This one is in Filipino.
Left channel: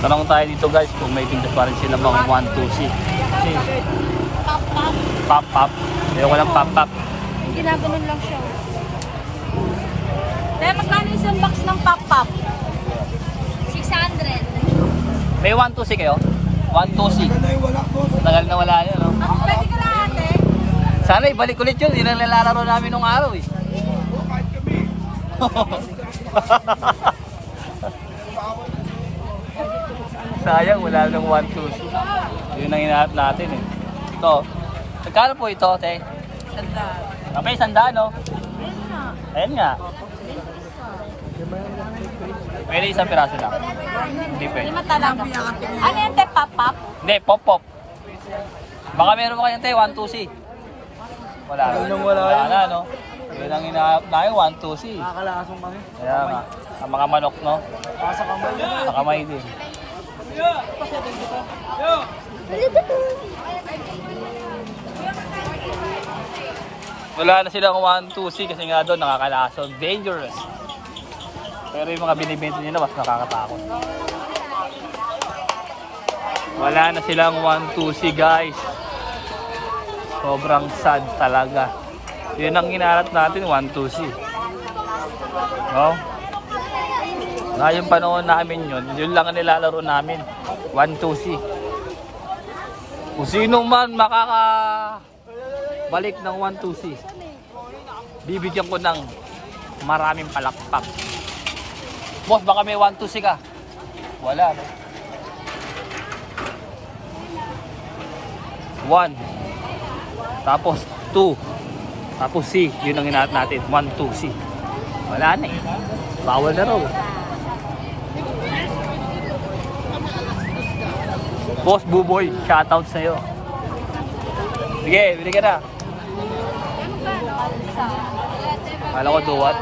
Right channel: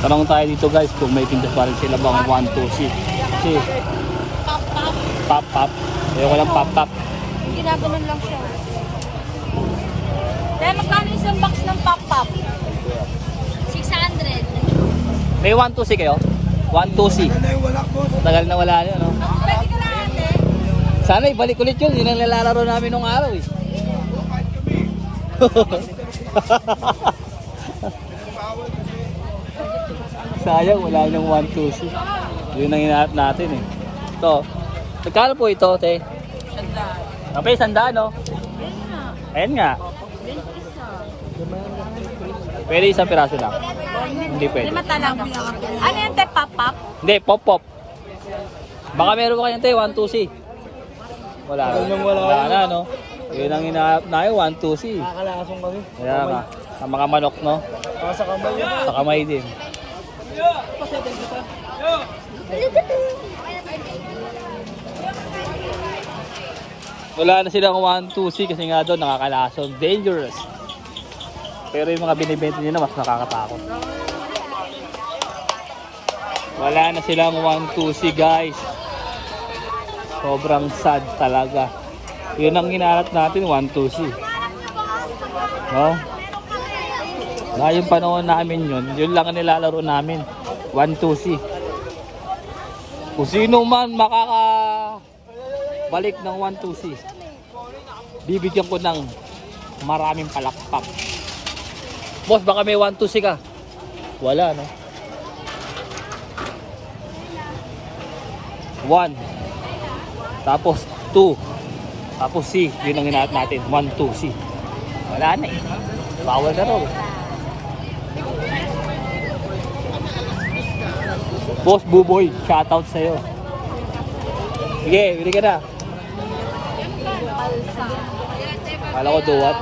Tanong tayo dito guys kung may tindas pa rin sila bang 1, 2, 6. Kasi pop pop. Ayoko lang pop pop. Ginagaling lang siya. Kaya magkano isang box ng pop-pop? 600. May 1, 2, 6 kayo? 1, 2, 6. Tagal na wala na, no? Pwede ko na ate. Sana ibalik ulit yun. Yun ang nilalaro namin nung araw eh. Sayang, wala nang 1, 2, 6. Yun ang hinahanap natin eh. Ito. Magkano po ito, te? Kapay, 100, no? Ayun nga. Ayan nga. Pwede isang piraso na. Hindi pwede. Lima talaga. Ano yung te pop-pop? Hindi, pop pop. Baka meron ba kayong te, 1, 2, 6? Wala. Wala na, no? Yun ang hinahanap na yun, 1, 2, 6. Nakakalakasong kami. Kaya nga. Sa mga manok, no? Sa kamay. Sa kamay din. Wala na silang 1, 2, 6 kasi nga doon nakakalason. Dangerous. Pero yung mga binibenta nila mas nakakatakot. Wala na silang 1, 2, 6 guys. Sobrang sad talaga. Yun ang hinahanap natin, 1, 2, 6. No? Na yung panahon namin yun lang ang nilalaro namin. 1, 2, 6. Kung sino man makakabalik ng 1, 2, 6, bibigyan ko ng maraming palakpak. Boss, baka may 1, 2, 6 ka. Wala, no? 1. Tapos 2. Tapos C. Yun ang hinahanap natin. 1, 2, C. Wala na eh. Bawal na raw. Boss Buboy, shoutout sa'yo. Sige, bili ka na. Kala ko duwat.